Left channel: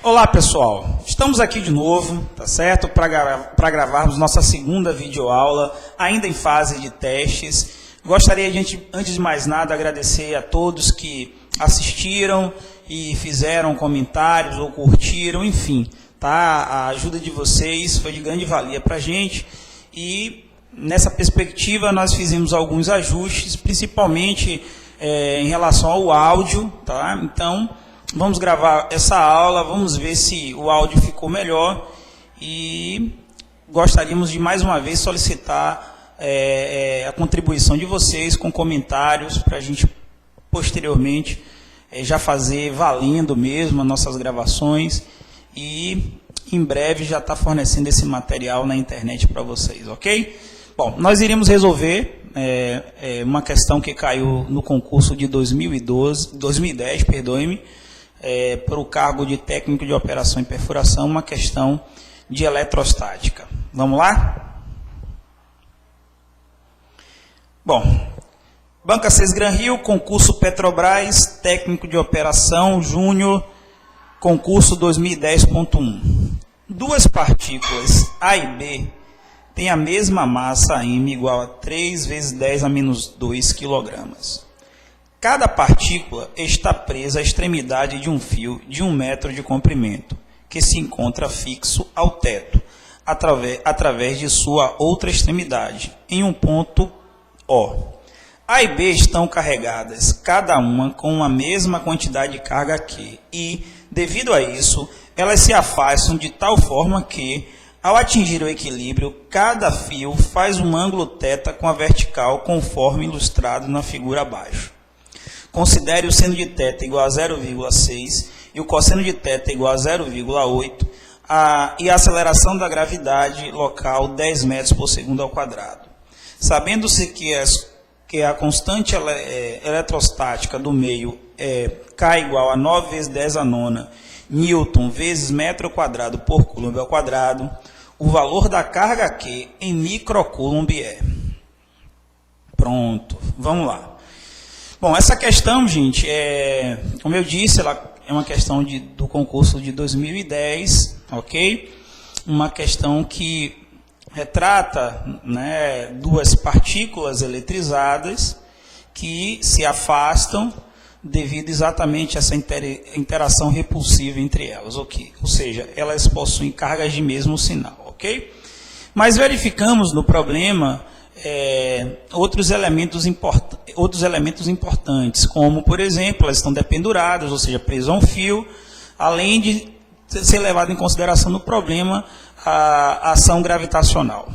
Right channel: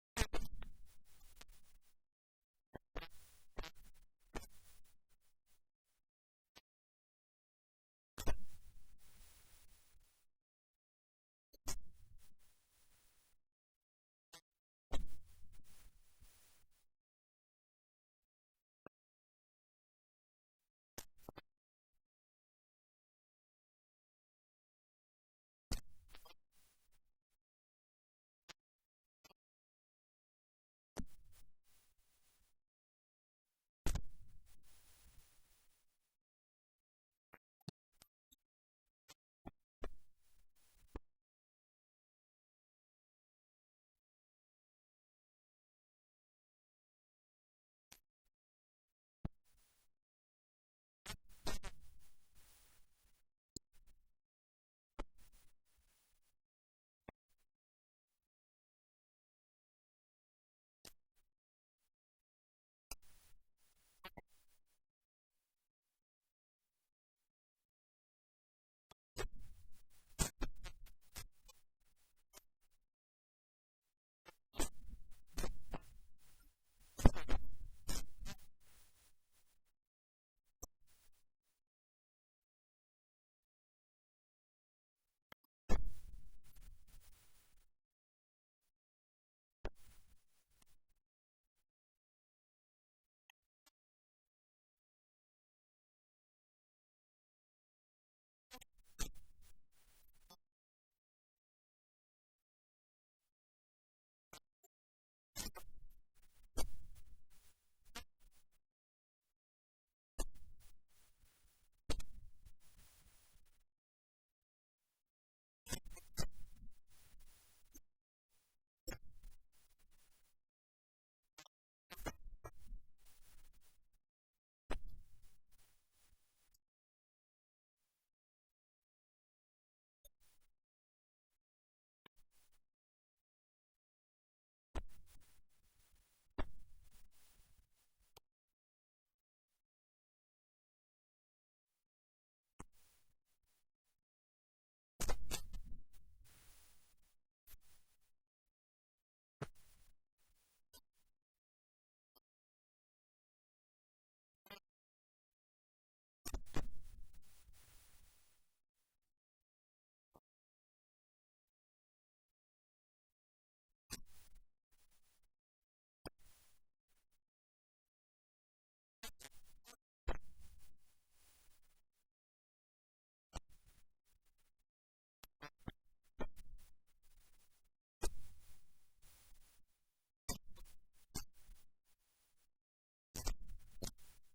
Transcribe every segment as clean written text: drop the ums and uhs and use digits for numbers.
Olá pessoal, estamos aqui de novo, tá certo? Para gravarmos nossa segunda videoaula, ainda em fase de testes. Gostaria de, antes de mais nada, agradecer a todos que assistiram e fizeram comentários ou curtiram, enfim, tá? A ajuda de vocês foi de grande valia para a gente e nessa perspectiva nós fizemos alguns ajustes, principalmente em relação ao áudio, tá? Então, vamos gravar essa aula, vamos ver se o áudio ficou melhor e gostaríamos de mais uma vez solicitar a contribuição de vocês com comentários para a gente posteriormente já fazer valendo mesmo as nossas gravações e em breve já está fornecendo esse material na internet para vocês, ok? Bom, nós iremos resolver uma questão que caiu no concurso de 2010, perdoe-me, para o cargo de técnico de operação e perfuração, uma questão de eletrostática. Vamos lá? Bom, Banca CES Gran Rio, concurso Petrobras, técnico de operação, júnior, concurso 2010.1. Duas partículas A e B têm a mesma massa M igual a 3 vezes 10 a menos 2 kg. Cada partícula está presa à extremidade de um fio de 1 metro de comprimento, que se encontra fixo ao teto, através de sua outra extremidade, em um ponto O. A e B estão carregadas, cada uma com a mesma quantidade de carga Q, e, devido a isso, elas se afastam de tal forma que, ao atingir o equilíbrio, cada fio faz um ângulo θ com a vertical, conforme ilustrado na figura abaixo. Considere o seno de θ igual a 0,6 e o cosseno de θ igual a 0,8 e a aceleração da gravidade local 10 metros por segundo ao quadrado. Sabendo-se que a constante eletrostática do meio é K igual a 9 vezes 10 a nona Newton vezes metro quadrado por Coulomb ao quadrado, o valor da carga Q em microcoulomb é. Pronto, vamos lá. Bom, essa questão, gente, como eu disse, ela é uma questão do concurso de 2010, ok? Uma questão que retrata, né, duas partículas eletrizadas que se afastam devido exatamente a essa interação repulsiva entre elas, ok? Ou seja, elas possuem cargas de mesmo sinal, ok? Mas verificamos no problema outros elementos importantes, como, por exemplo, elas estão dependuradas, ou seja, presas a um fio, além de ser levado em consideração no problema a ação gravitacional,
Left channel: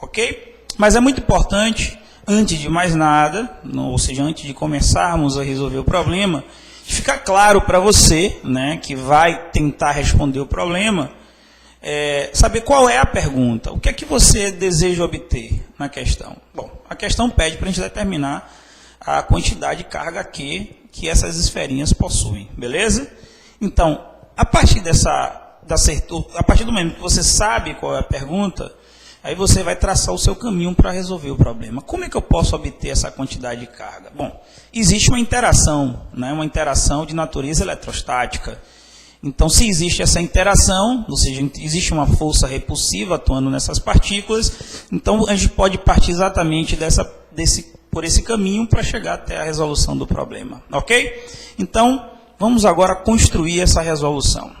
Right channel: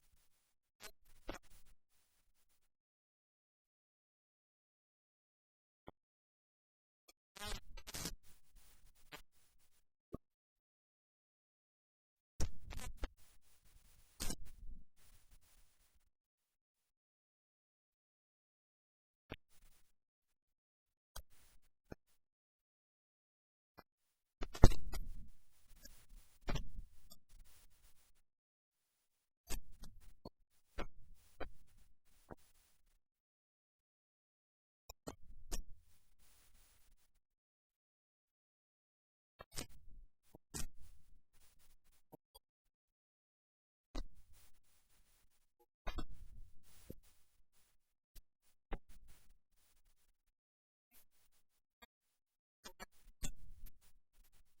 ok? Mas é muito importante, antes de mais nada, ou seja, antes de começarmos a resolver o problema, ficar claro para você, né, que vai tentar responder o problema, saber qual é a pergunta, o que é que você deseja obter na questão. Bom, a questão pede para a gente determinar a quantidade de carga Q que essas esferinhas possuem, beleza? Então, a partir do momento que você sabe qual é a pergunta, aí você vai traçar o seu caminho para resolver o problema. Como é que eu posso obter essa quantidade de carga? Bom, existe uma interação, né, uma interação de natureza eletrostática. Então, se existe essa interação, ou seja, existe uma força repulsiva atuando nessas partículas, então a gente pode partir exatamente por esse caminho para chegar até a resolução do problema, ok? Então, vamos agora construir essa resolução.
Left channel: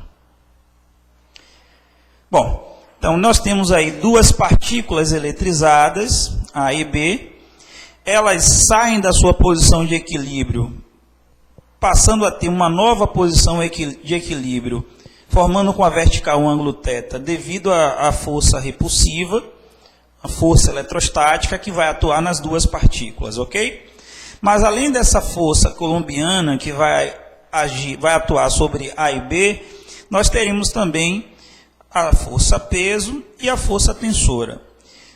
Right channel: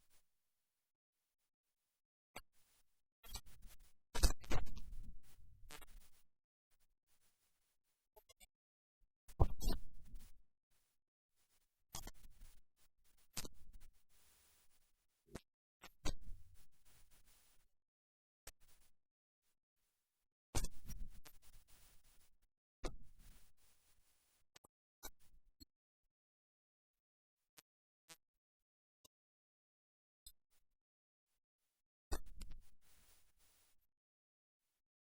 Bom, então nós temos aí duas partículas eletrizadas, A e B, elas saem da sua posição de equilíbrio, passando a ter uma nova posição de equilíbrio, formando com a vertical um ângulo θ, devido à força repulsiva, a força eletrostática que vai atuar nas duas partículas, ok? Mas além dessa força coulombiana que vai atuar sobre A e B, nós teremos também a força peso e a força tensora.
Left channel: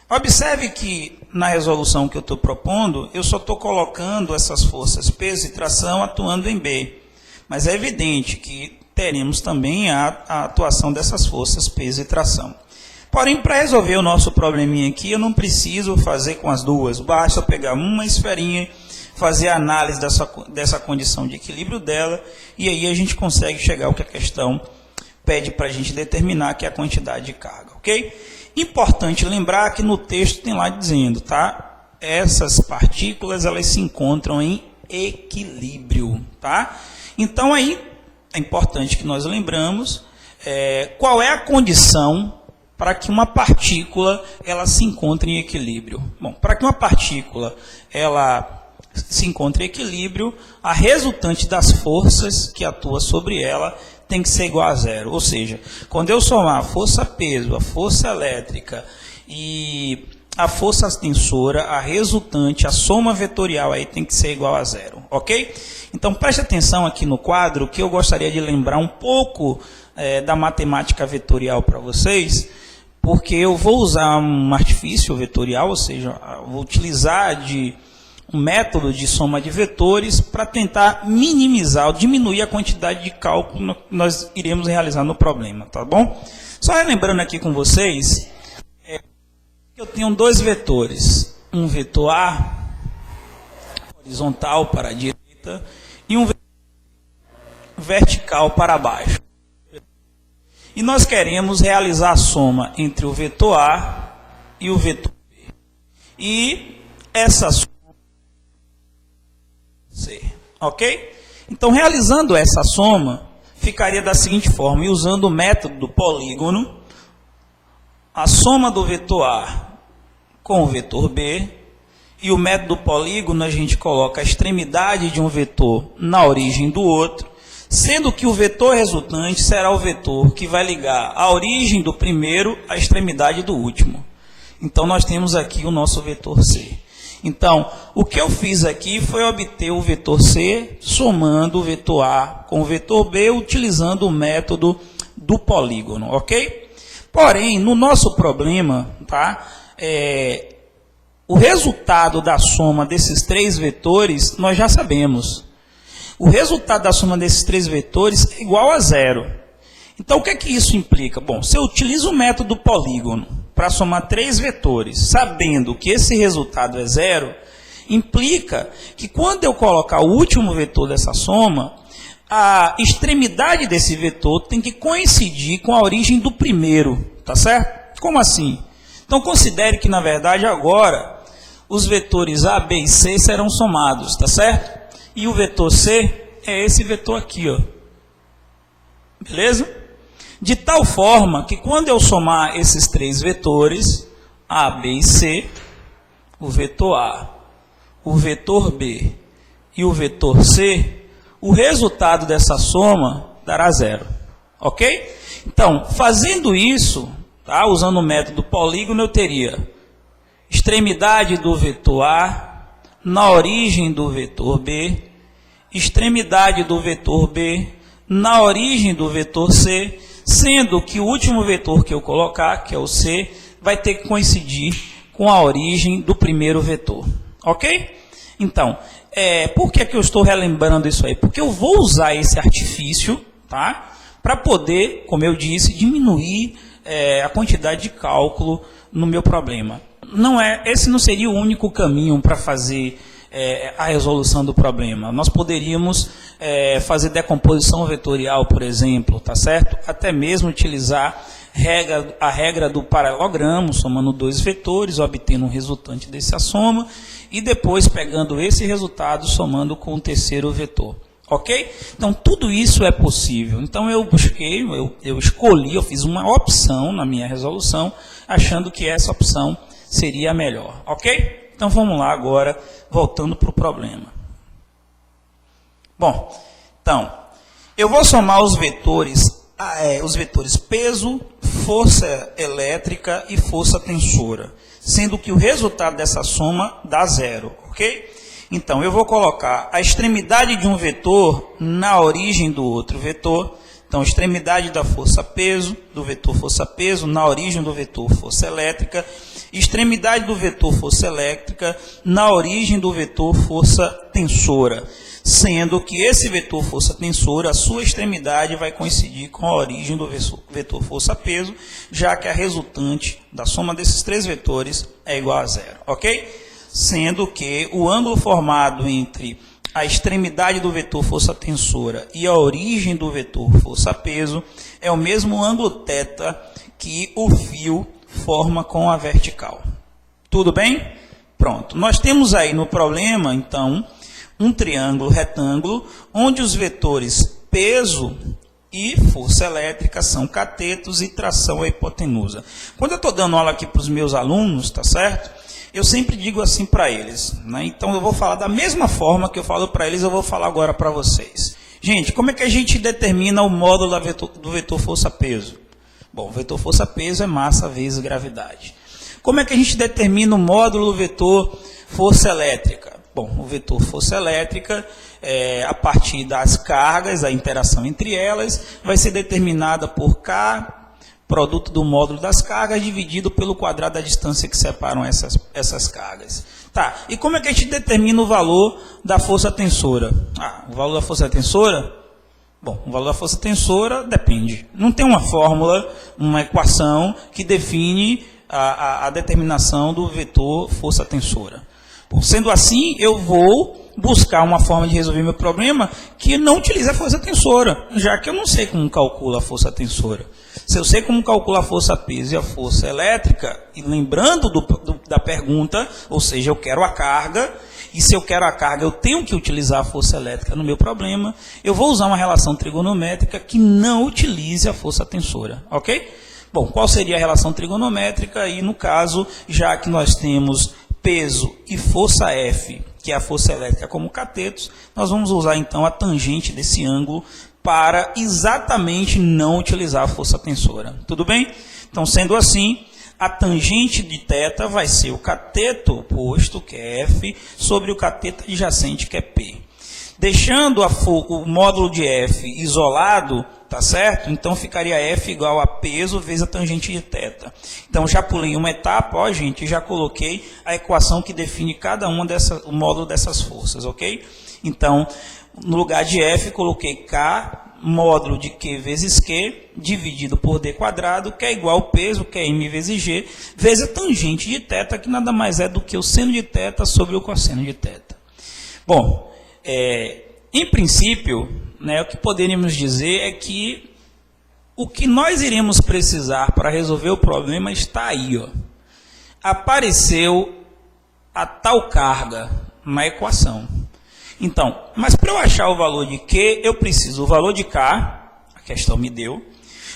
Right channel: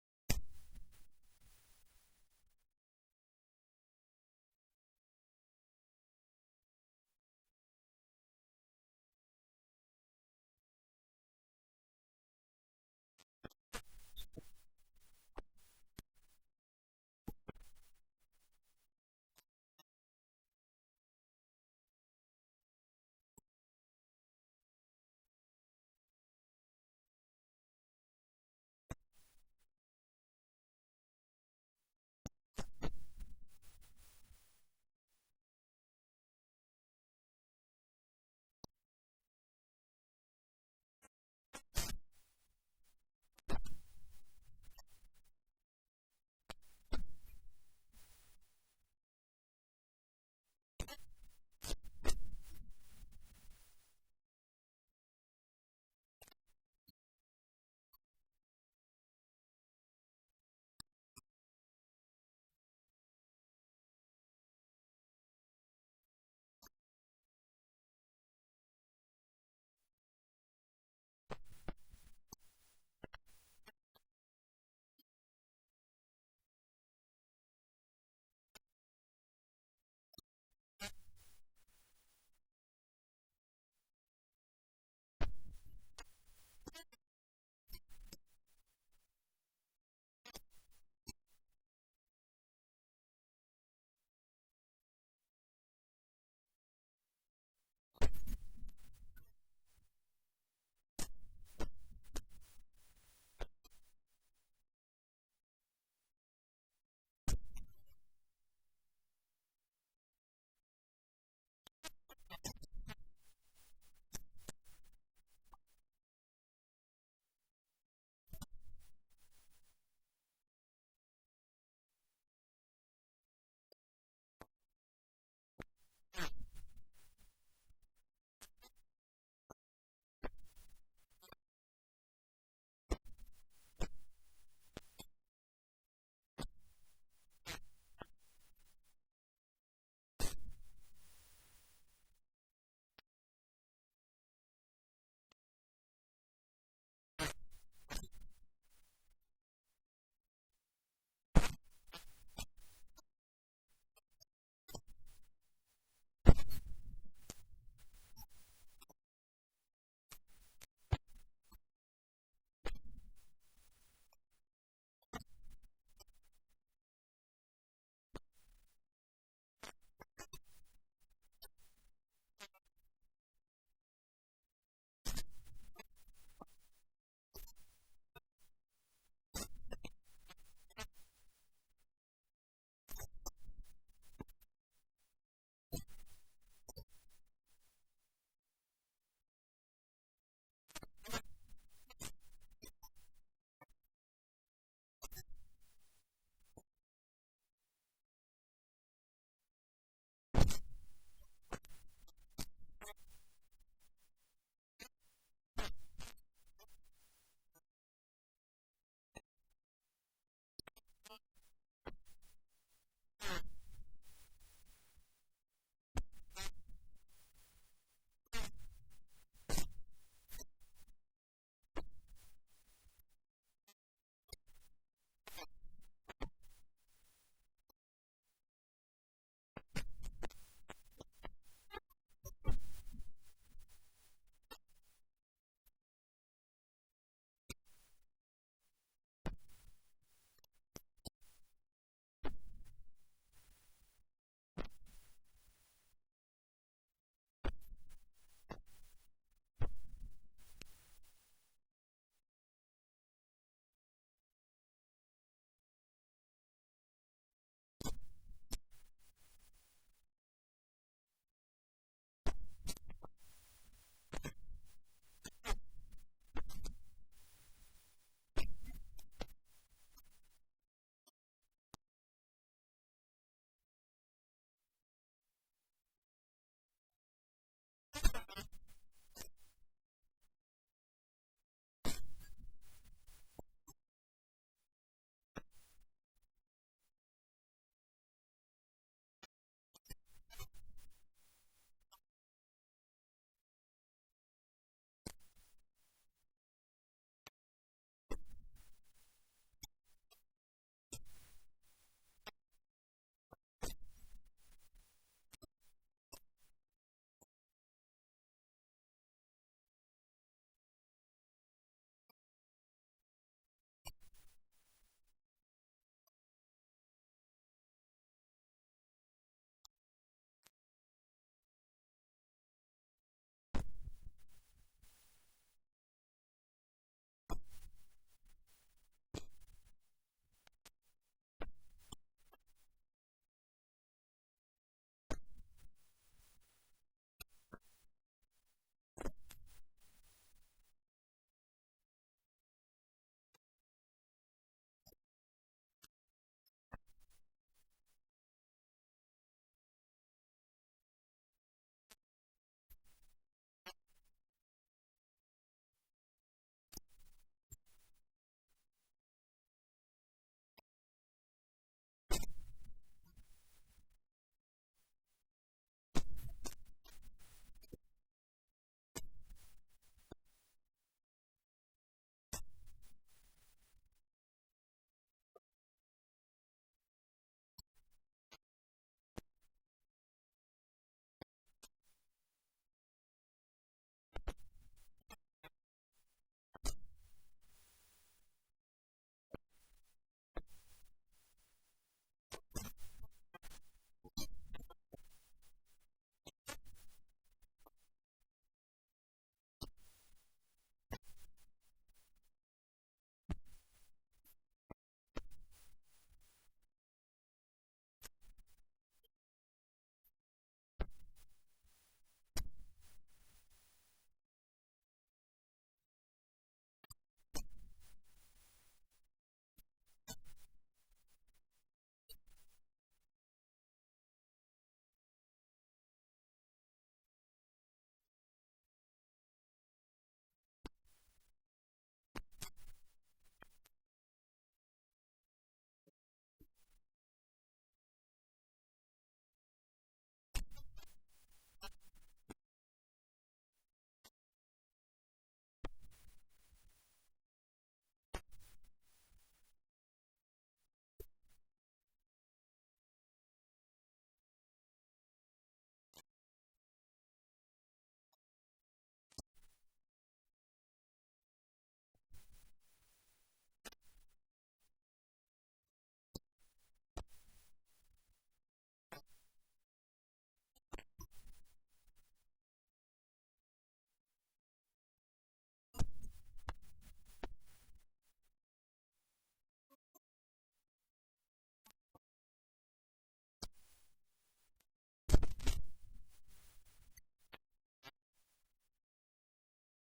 Observe que na resolução que eu estou propondo, eu só estou colocando essas forças peso e tração atuando em B. Mas é evidente que teremos também a atuação dessas forças peso e tração. Porém, para resolver o nosso probleminha aqui, eu não preciso fazer com as duas. Basta eu pegar uma esferinha, fazer a análise dessa condição de equilíbrio dela, e aí a gente consegue chegar ao que a questão pede para a gente determinar, que é a quantidade de carga, ok? Importante lembrar que no texto tem lá dizendo, tá? Essas partículas, elas se encontram em equilíbrio, tá? Então aí é importante que nós lembramos qual é a condição para que uma partícula ela se encontre em equilíbrio. Bom, para que uma partícula ela se encontre em equilíbrio, a resultante das forças que atua sobre ela tem que ser igual a zero. Ou seja, quando eu somar a força-peso, a força elétrica e a força tensora, a resultante, a soma vetorial aí tem que ser igual a zero, ok? Então preste atenção aqui no quadro, que eu gostaria de lembrar um pouco da matemática vetorial para vocês, porque eu vou usar um artifício vetorial, ou seja, vou utilizar um método de soma de vetores para tentar minimizar ou diminuir a quantidade de cálculo que nós iremos realizar no problema, tá bom? Só relembrando aqui com vocês, eu tenho dois vetores, um vetor A, horizontal para a direita, e um vetor vertical para baixo. E nós queremos realizar a soma entre o vetor A e o vetor B. E essa soma C, ok? Então, realizando essa soma, ficaria da seguinte forma, e usando o método do polígono, a soma do vetor A com o vetor B, e o método do polígono a gente coloca a extremidade de um vetor na origem do outro, sendo que o vetor resultante será o vetor que vai ligar a origem do primeiro à extremidade do último. Então, nós temos aqui o nosso vetor C. Então, o que eu fiz aqui foi obter o vetor C somando o vetor A com o vetor B, utilizando o método do polígono, ok? Porém, no nosso problema, tá? O resultado da soma desses três vetores, nós já sabemos. O resultado da soma desses três vetores é igual a zero. Então, o que é que isso implica? Bom, se eu utilizo o método polígono para somar três vetores, sabendo que esse resultado é zero, implica que quando eu colocar o último vetor dessa soma, a extremidade desse vetor tem que coincidir com a origem do primeiro, tá certo? Como assim? Então, considere que, na verdade, agora, os vetores A, B e C serão somados, tá certo? E o vetor C é esse vetor aqui, ó. Beleza? De tal forma que quando eu somar esses três vetores, A, B e C, o vetor A, o vetor B e o vetor C, o resultado dessa soma dará zero. Ok? Então, fazendo isso, tá, usando o método polígono, eu teria extremidade do vetor A na origem do vetor B, extremidade do vetor B na origem do vetor C, sendo que o último vetor que eu colocar, que é o C, vai ter que coincidir com a origem do primeiro vetor. Ok? Então, por que eu estou relembrando isso aí? Porque eu vou usar esse artifício, tá, para poder, como eu disse, diminuir a quantidade de cálculo no meu problema. Esse não seria o único caminho para fazer a resolução do problema. Nós poderíamos fazer decomposição vetorial, por exemplo, tá certo? Até mesmo utilizar a regra do paralelogramo, somando dois vetores, obtendo um resultante dessa soma, e depois pegando esse resultado, somando com o terceiro vetor. Ok? Então, tudo isso é possível. Então, eu busquei, eu escolhi, eu fiz uma opção na minha resolução, achando que essa opção seria a melhor. Ok? Então, vamos lá agora, voltando para o problema. Bom, então, eu vou somar os vetores peso, força elétrica e força tensora, sendo que o resultado dessa soma dá zero, ok? Então, eu vou colocar a extremidade de um vetor na origem do outro vetor. Então, extremidade da força-peso, do vetor força-peso, na origem do vetor força elétrica. Extremidade do vetor força elétrica, na origem do vetor força tensora. Sendo que esse vetor força tensora, a sua extremidade vai coincidir com a origem do vetor força-peso, já que a resultante da soma desses três vetores é igual a zero, ok? Sendo que o ângulo formado entre a extremidade do vetor força tensora e a origem do vetor força peso é o mesmo ângulo θ que o fio forma com a vertical. Tudo bem? Pronto. Nós temos aí no problema, então, um triângulo retângulo onde os vetores peso e força elétrica são catetos e tração é hipotenusa. Quando eu estou dando aula aqui para os meus alunos, tá certo? Eu sempre digo assim para eles, né? Então eu vou falar da mesma forma que eu falo para eles, eu vou falar agora para vocês. Gente, como é que a gente determina o módulo do vetor força-peso? Bom, o vetor força-peso é massa vezes gravidade. Como é que a gente determina o módulo do vetor força elétrica? Bom, o vetor força elétrica, a partir das cargas, a interação entre elas, vai ser determinada por K, produto do módulo das cargas, dividido pelo quadrado da distância que separam essas cargas. Tá, e como é que a gente determina o valor da força tensora? O valor da força tensora? Bom, o valor da força tensora depende. Não tem uma fórmula, uma equação que define a determinação do vetor força tensora. Bom, sendo assim, eu vou buscar uma forma de resolver meu problema que não utilize a força tensora, já que eu não sei como calcula a força tensora. Se eu sei como calcular a força peso e a força elétrica, e lembrando da pergunta, ou seja, eu quero a carga, e se eu quero a carga, eu tenho que utilizar a força elétrica no meu problema, eu vou usar uma relação trigonométrica que não utilize a força tensora, ok? Bom, qual seria a relação trigonométrica? E no caso, já que nós temos peso e força F, que é a força elétrica como catetos, nós vamos usar então a tangente desse ângulo para exatamente não utilizar a força tensora. Tudo bem? Então, sendo assim, a tangente de θ vai ser o cateto oposto, que é F, sobre o cateto adjacente, que é P. Deixando o módulo de F isolado, tá certo? Então, ficaria F igual a peso vezes a tangente de θ. Então, já pulei uma etapa, ó, gente, já coloquei a equação que define cada uma o módulo dessas forças, ok? Então, no lugar de F, coloquei K, módulo de Q vezes Q, dividido por D quadrado, que é igual ao peso, que é M vezes G, vezes a tangente de θ, que nada mais é do que o seno de θ sobre o cosseno de θ. Bom, em princípio, né, o que poderíamos dizer é que o que nós iremos precisar para resolver o problema está aí, ó. Apareceu a tal carga na equação. Então, mas para eu achar o valor de Q, eu preciso o valor de K, a questão me deu,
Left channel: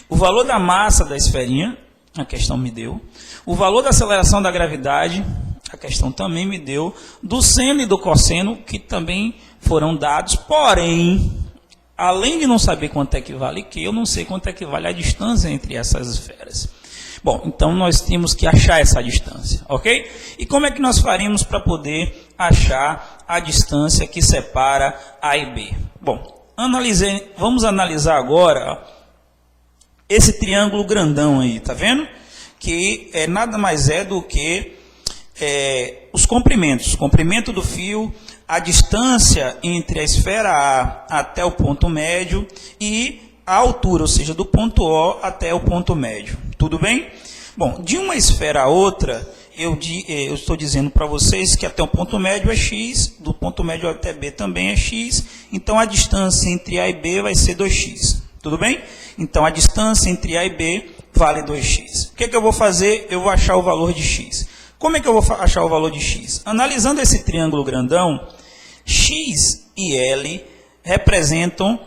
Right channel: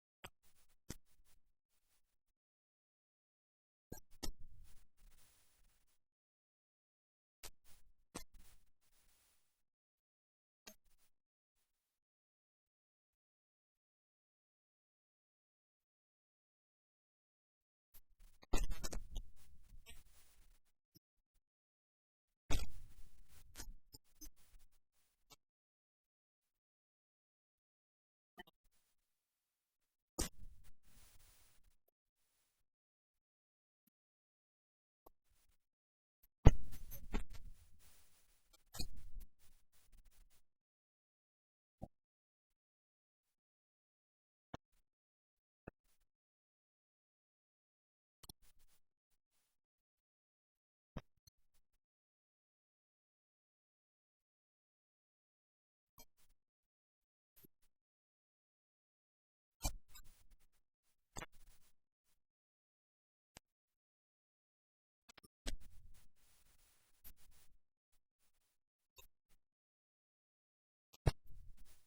o valor da massa da esferinha, a questão me deu, o valor da aceleração da gravidade, a questão também me deu, do seno e do cosseno, que também foram dados, porém, além de não saber quanto é que vale Q, eu não sei quanto é que vale a distância entre essas esferas. Bom, então nós temos que achar essa distância, ok? E como é que nós faríamos para poder achar a distância que separa A e B? Bom, vamos analisar agora, ó, esse triângulo grandão aí, tá vendo? Que nada mais é do que os comprimentos. O comprimento do fio, a distância entre a esfera A até o ponto médio e a altura, ou seja, do ponto O até o ponto médio. Tudo bem? Bom, de uma esfera a outra, eu estou dizendo para vocês que até o ponto médio é x, do ponto médio até B também é x, então a distância entre A e B vai ser 2x. Tudo bem? Então a distância entre A e B vale 2x. O que eu vou fazer? Eu vou achar o valor de x. Como é que eu vou achar o valor de x? Analisando esse triângulo grandão, x e L representam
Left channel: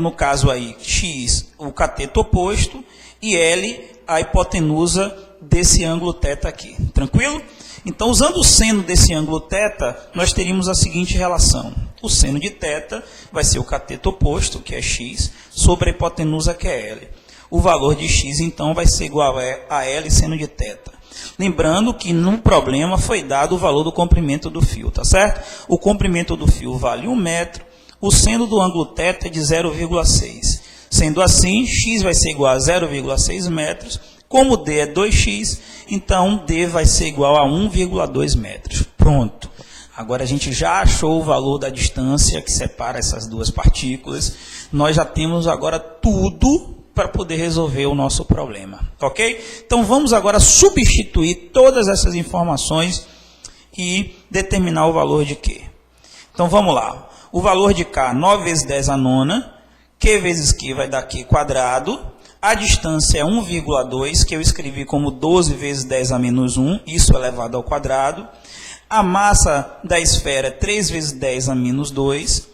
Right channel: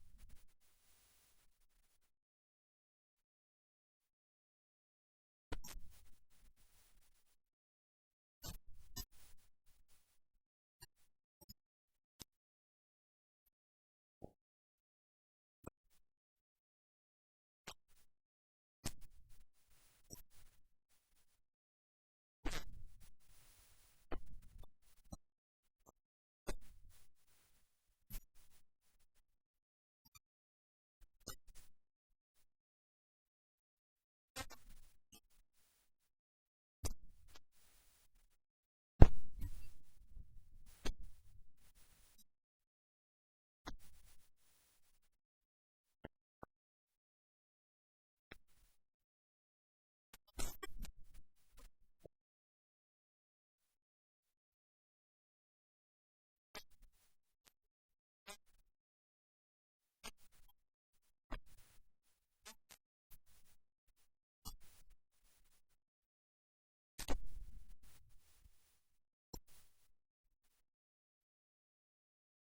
no caso aí, x, o cateto oposto, e L, a hipotenusa desse ângulo θ aqui. Tranquilo? Então, usando o seno desse ângulo θ, nós teríamos a seguinte relação. O seno de θ vai ser o cateto oposto, que é x, sobre a hipotenusa, que é L. O valor de x, então, vai ser igual a L seno de θ. Lembrando que no problema foi dado o valor do comprimento do fio, tá certo? O comprimento do fio vale 1 metro, o seno do ângulo θ é de 0,6. Sendo assim, x vai ser igual a 0,6 metros. Como d é 2x, então d vai ser igual a 1,2 metros. Pronto. Agora a gente já achou o valor da distância que separa essas duas partículas. Nós já temos agora tudo para poder resolver o nosso problema. Ok? Então vamos agora substituir todas essas informações e determinar o valor de Q. Então vamos lá. O valor de K, 9 vezes 10 a nona, Q vezes Q vai dar Q quadrado. A distância é 1,2, que eu escrevi como 12 vezes 10 a menos 1, isso elevado ao quadrado. A massa da esfera é 3 vezes 10 a menos 2.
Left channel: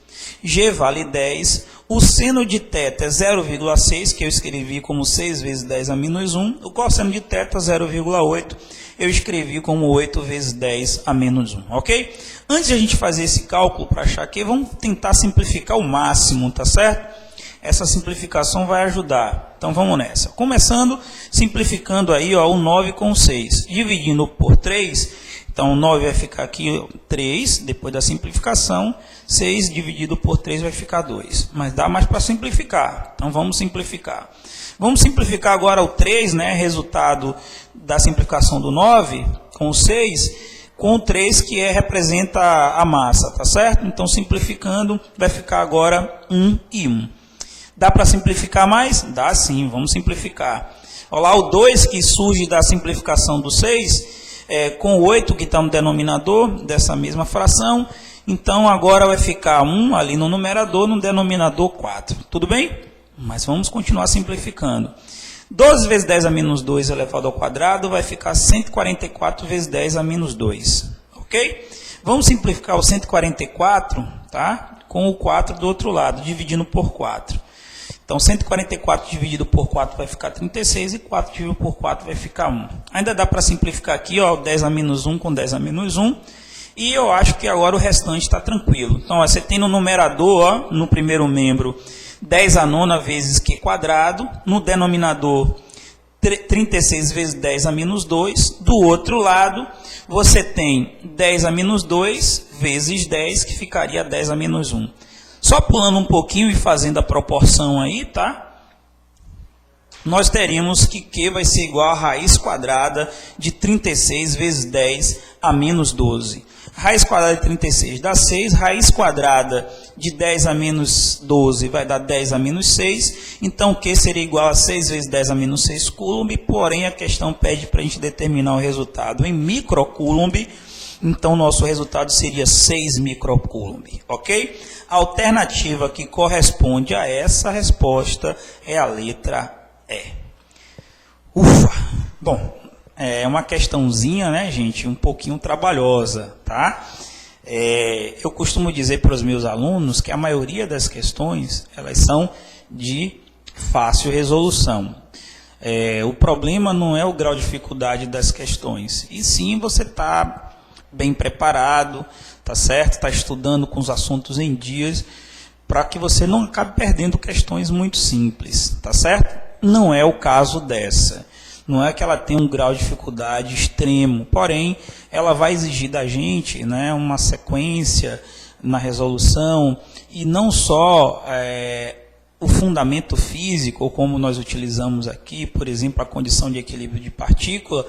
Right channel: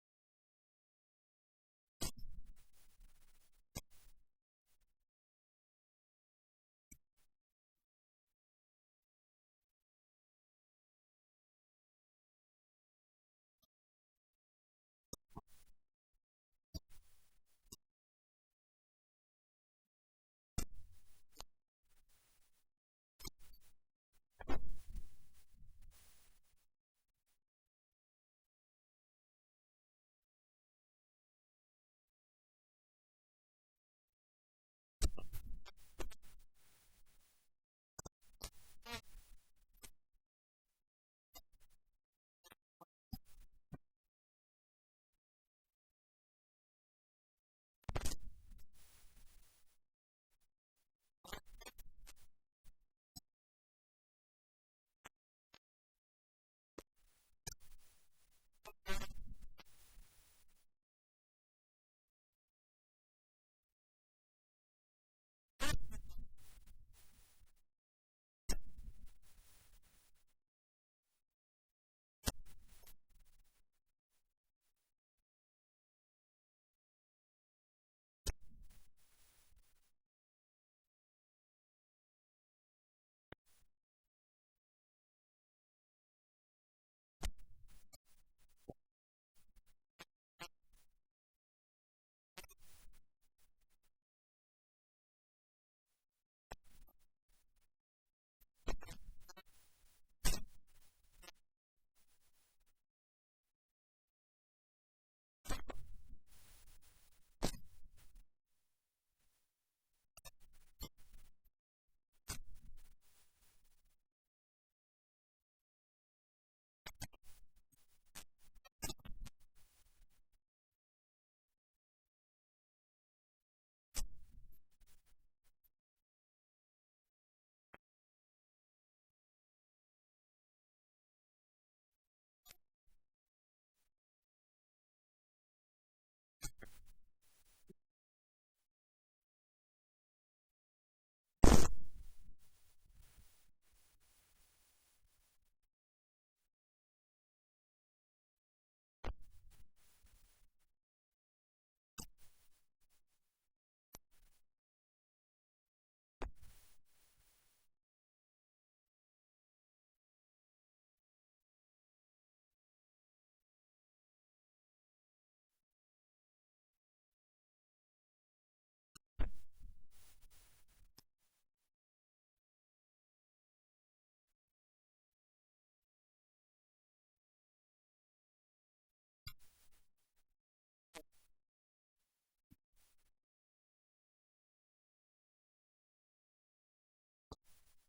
G vale 10. O seno de θ é 0,6, que eu escrevi como 6 vezes 10 a menos 1. O cosseno de θ é 0,8, eu escrevi como 8 vezes 10 a menos 1, ok? Antes de a gente fazer esse cálculo para achar Q, vamos tentar simplificar o máximo, tá certo? Essa simplificação vai ajudar. Então vamos nessa. Começando, simplificando aí ó, o 9 com o 6. Dividindo por 3, então o 9 vai ficar aqui 3, depois da simplificação. 6 dividido por 3 vai ficar 2. Mas dá mais para simplificar. Então vamos simplificar. Vamos simplificar agora o 3, né? Resultado da simplificação do 9 com o 6, com o 3 que representa a massa, tá certo? Então simplificando vai ficar agora 1 e 1. Dá para simplificar mais? Dá sim, vamos simplificar. Olha lá, o 2 que surge da simplificação do 6, com o 8 que está no denominador dessa mesma fração. Então, agora vai ficar 1 ali no numerador, no denominador 4. Tudo bem? Mas vamos continuar simplificando. 12 vezes 10 a menos 2 elevado ao quadrado vai ficar 144 vezes 10 a menos 2. Ok? Vamos simplificar o 144, tá? Com o 4 do outro lado, dividindo por 4. Então, 144 dividido por 4 vai ficar 36 e 4 dividido por 4 vai ficar 1. Ainda dá para simplificar aqui, ó, 10 a menos 1 com 10 a menos 1. E eu acho que agora o restante está tranquilo. Então, ó, você tem no numerador, ó, no primeiro membro, 10 a nona vezes Q quadrado. No denominador, 36 vezes 10 a menos 2. Do outro lado, você tem 10 a menos 2 vezes 10, que ficaria 10 a menos 1. Só pulando um pouquinho e fazendo a proporção aí, tá? Nós teríamos que Q vai ser igual a raiz quadrada de 36 vezes 10 a menos 12. Raiz quadrada de 36 dá 6, raiz quadrada de 10 a menos 12 vai dar 10 a menos 6. Então, Q seria igual a 6 vezes 10 a menos 6 coulomb, porém a questão pede para a gente determinar o resultado em microcoulomb. Então, nosso resultado seria 6 microcoulomb, ok? A alternativa que corresponde a essa resposta é a letra E. Ufa! Bom, é uma questãozinha, né, gente, um pouquinho trabalhosa, tá? Eu costumo dizer para os meus alunos que a maioria das questões, elas são de fácil resolução. O problema não é o grau de dificuldade das questões, e sim você está bem preparado, tá certo? Está estudando com os assuntos em dias, para que você não acabe perdendo questões muito simples, tá certo? Não é o caso dessa. Não é que ela tenha um grau de dificuldade extremo, porém, ela vai exigir da gente, né, uma sequência na resolução, e não só o fundamento físico, ou como nós utilizamos aqui, por exemplo, a condição de equilíbrio de partícula,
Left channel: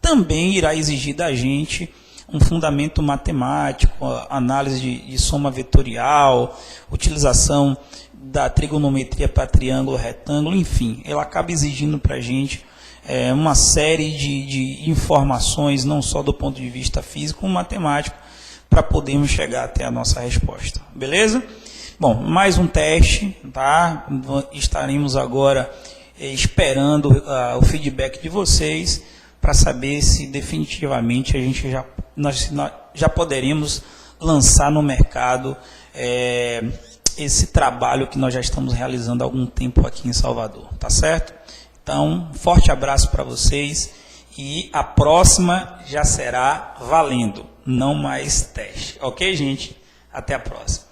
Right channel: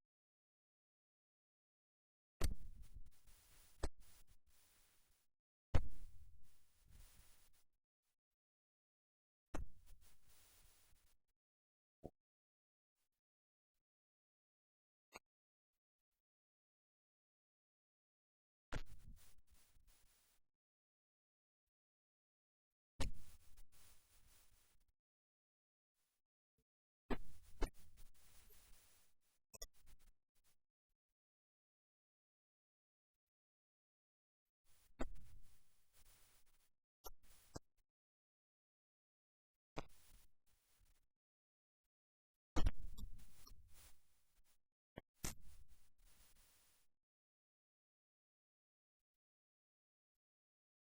também irá exigir da gente um fundamento matemático, análise de soma vetorial, utilização da trigonometria para triângulo, retângulo, enfim, ela acaba exigindo para a gente uma série de informações, não só do ponto de vista físico, como matemático, para podermos chegar até a nossa resposta. Beleza? Bom, mais um teste, tá? Estaremos agora esperando o feedback de vocês, para saber se definitivamente nós já poderemos lançar no mercado esse trabalho que nós já estamos realizando há algum tempo aqui em Salvador, tá certo? Então, um forte abraço para vocês e a próxima já será valendo, não mais teste. Ok, gente? Até a próxima.